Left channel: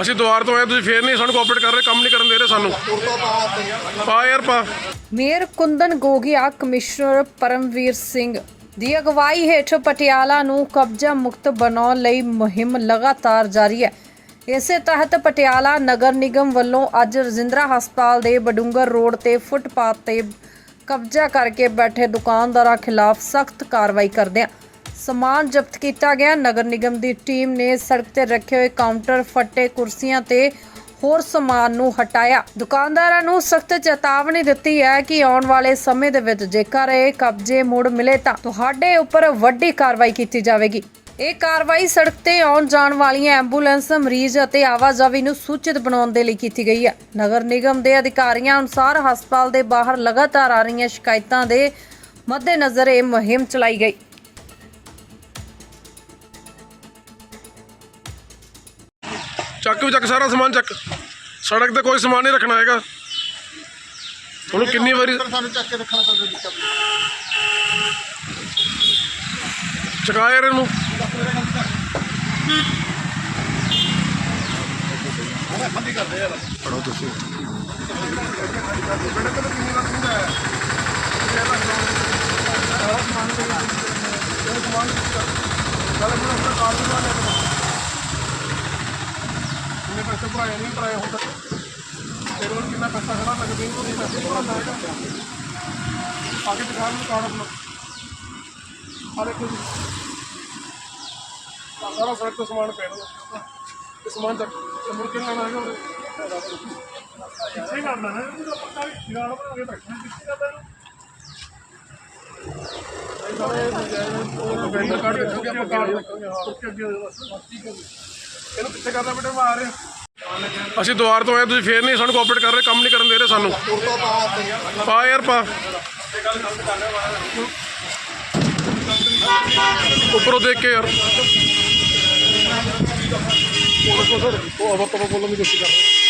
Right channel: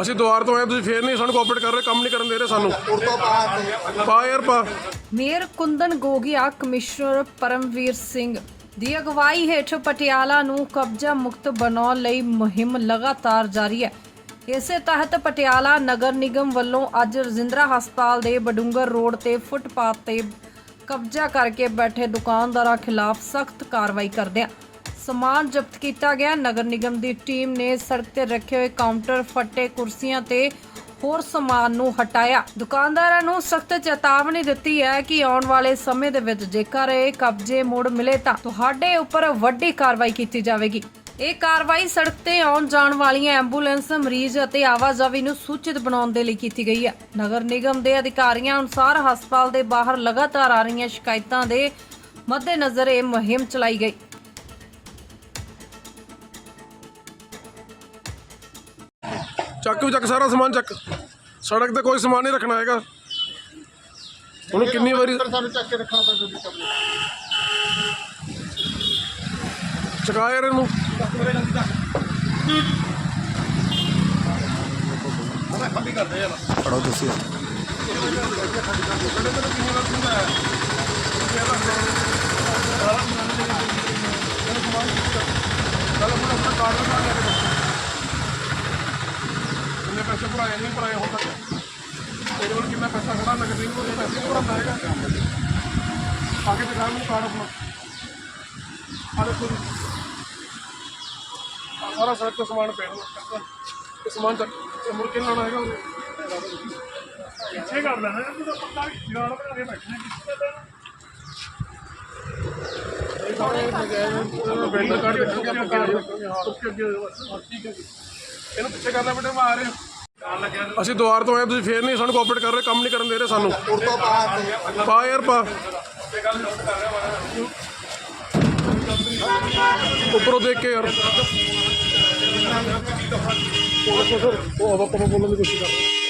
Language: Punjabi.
ਅਸੀਂ ਦੁਆਰ ਤੋਂ ਆਏ, ਤੁਸੀਂ ਫੇਰ ਨਹੀਂ ਸਾਨੂੰ ਕੋਆਪਰੇਟ ਕਰ ਰਹੇ, ਕੰਮ ਨਹੀਂ ਕਰਨ ਦੇ ਰਹੇ ਸਾਨੂੰ। ਪਾ ਯਾਰ, ਪਾ। ਮੇਅਰ ਕੁੰਦਨ ਗੋਗਿਆ, ਕਮਿਸ਼ਨਰ ਪਰਮਵੀਰ ਸਿੰਘ ਦੀ ਅਗਵਾਈ ਹੇਠ ਪਟਿਆਲਾ ਨੂੰ ਕਬਜ਼ਾ ਮੁਕਤ ਬਣਾਉਣ ਲਈ ਮੁਹਿੰਮ ਲਗਾਤਾਰ ਜਾਰੀ ਹੈ। ਇਸੇ ਤਹਿਤ ਪਟਿਆਲਾ ਨਗਰ ਨਿਗਮ ਵੱਲੋਂ ਅੱਜ ਰਜਿੰਦਰਾ ਹਸਪਤਾਲ ਦੇ ਬਡੂੰਗਰ ਰੋਡ ਤੇ ਫੁੱਟਪਾਥ ਤੇ ਕਬਜ਼ਾ ਕਰਕੇ ਬੈਠੇ ਦੁਕਾਨਦਾਰਾਂ ਖਿਲਾਫ ਸਖਤ ਕਾਰਵਾਈ ਕਰਦਿਆਂ ਸਮਾਨ ਜ਼ਬਤ ਕੀਤਾ ਗਿਆ। ਨਗਰ ਨਿਗਮ ਦੀ ਟੀਮ ਨੇ ਸੜਕ ਤੇ ਰੱਖੇ ਹੋਏ ਕਾਊਂਟਰ ਫੱਟੇ ਕੁਰਸੀਆਂ ਤੇ ਹੋਰ ਸਮਾਨ ਨੂੰ ਹਟਾਇਆ। ਦੁਕਾਨਦਾਰਾਂ ਨੂੰ ਸਖਤ ਚੇਤਾਵਨੀ ਦਿੱਤੀ ਹੈ ਕਿ ਆਉਣ ਵਾਲੇ ਸਮੇਂ ਦੇ ਵਿੱਚ ਜੇਕਰ ਇਹ ਕਬਜ਼ੇ ਮੁੜ ਮਿਲੇ ਤਾਂ ਤੁਹਾਡੇ ਉੱਪਰ ਵੱਡੀ ਕਾਰਵਾਈ ਕੀਤੀ ਜਾਵੇਗੀ। ਇਹ ਕਾਰਵਾਈ ਸੜਕ ਤੇ ਆਉਣ ਜਾਣ ਵਾਲੀਆਂ ਐਂਬੂਲੈਂਸ, ਮਰੀਜ਼ ਅਤੇ ਆਵਾਜਾਈ ਨੂੰ ਸੂਚਿਤ ਬਣਾਉਣ ਦੇ ਲਈ ਕੀਤੀ ਗਈ ਹੈ। ਨਗਰ ਨਿਗਮ ਦੇ ਅਧਿਕਾਰੀਆਂ ਅਨੁਸਾਰ ਹਸਪਤਾਲ ਦੇ ਬਾਹਰ ਲਗਾਤਾਰ ਆ ਰਹੀਆਂ ਸ਼ਿਕਾਇਤਾਂ ਦੇ ਮੱਦੇਨਜ਼ਰ ਇਹ ਮੁਹਿੰਮ ਚਲਾਈ ਗਈ। ਚੱਕ ਵੀ ਚੱਕ ਸਾਰਾ ਸਮਾਨ ਚੱਕ। ਸੜਕ ਤੇ ਕੋਈ ਸਮਾਨ ਨਹੀਂ ਰੱਖਣਾ ਹੈਗਾ। ਉਹਨੂੰ ਕਿੰਨੀ ਵਾਰੀ ਸਾਨੂੰ ਚੱਕ ਕੇ ਰੱਖਣਾ ਪੈਂਦਾ ਜੀ ਕਬਜ਼ੇ ਚਕਾ ਯਾਰ ਇਹਨੂੰ। ਕਿੰਨੇ ਪੈਸੇ ਭਰਾਏ ਨਹੀਂ ਭਰਾਏ ਹੁਣ ਤੱਕ? ਤੇਰੇ ਕੋਲ ਕਿੰਨਾ ਪੈਸਾ ਖੜਾ ਲੱਗਦੇ ਨਹੀਂ ਉਹ ਪੈਸੇ ਭਰਾਉਂਦਾ ਹੈਗਾ। ਆਗੇ ਦਿਖਾ ਮੈਨੂੰ ਕਾਰਡ ਆਪਣਾ। ਆ ਦੇਖੋ ਜੀ। ਆਹ ਸਾਰਾ ਸੜਕ ਤੋਂ ਸਮਾਨ ਪਿਆ ਹੋਇਆ ਇਹ ਸਮਾਨ ਚੱਕ ਇਹ ਮੁੜ ਕੇ ਨੀ ਲਾਉਣਾ ਹੈਗਾ ਉਹਦੇ। ਪਿੱਛੇ ਕਰ ਲੈਣਾ ਇਹ ਤਾਂ ਪੱਕਾ ਜਗਾੜ ਬਣਾ ਕੇ ਬੈਠਣਾ ਕਿੱਥੇ ਕਰਦਾ ਇਹਨੂੰ ਨਹੀਂ ਸਾਰੇ ਨਜਾਇਜ਼ ਬੈਂਡ ਕਾਰਡ ਦੇਖੋਗੇ ਆਪਾਂ ਕਾਰਡ ਦੇਖੋਗੇ ਹਾਂ। ਤੁਰ ਕੇ ਅੱਗੇ ਬਸ ਠੀਕ ਹੈ ਇਹਨੂੰ ਪਿੱਛੇ ਕਰਨਾ ਬੇਟੇ ਮੈਂ ਆ ਰਿਹਾ ਅਸੀਂ ਦੁਆਰ ਤੋਂ ਆਏ ਤੁਸੀਂ ਫੇਰ ਨਹੀਂ ਸਾਨੂੰ ਕੋਆਪਰੇਟ ਕਰ ਰਹੇ, ਕੰਮ ਨਹੀਂ ਕਰਨ ਦੇ ਰਹੇ ਸਾਨੂੰ। ਪਾ ਯਾਰ, ਪਾ। ਉੱਪਰੋਂ ਦੇਖ ਕੇ ਯਾਰ। ਉਹ ਦੇਖੋ ਸਰ, ਉਹ ਹਵਾ ਪਵਾ ਬੋਲਣ ਦੀ ਕੋਸ਼ਿਸ਼ ਕਰ ਰਹੇ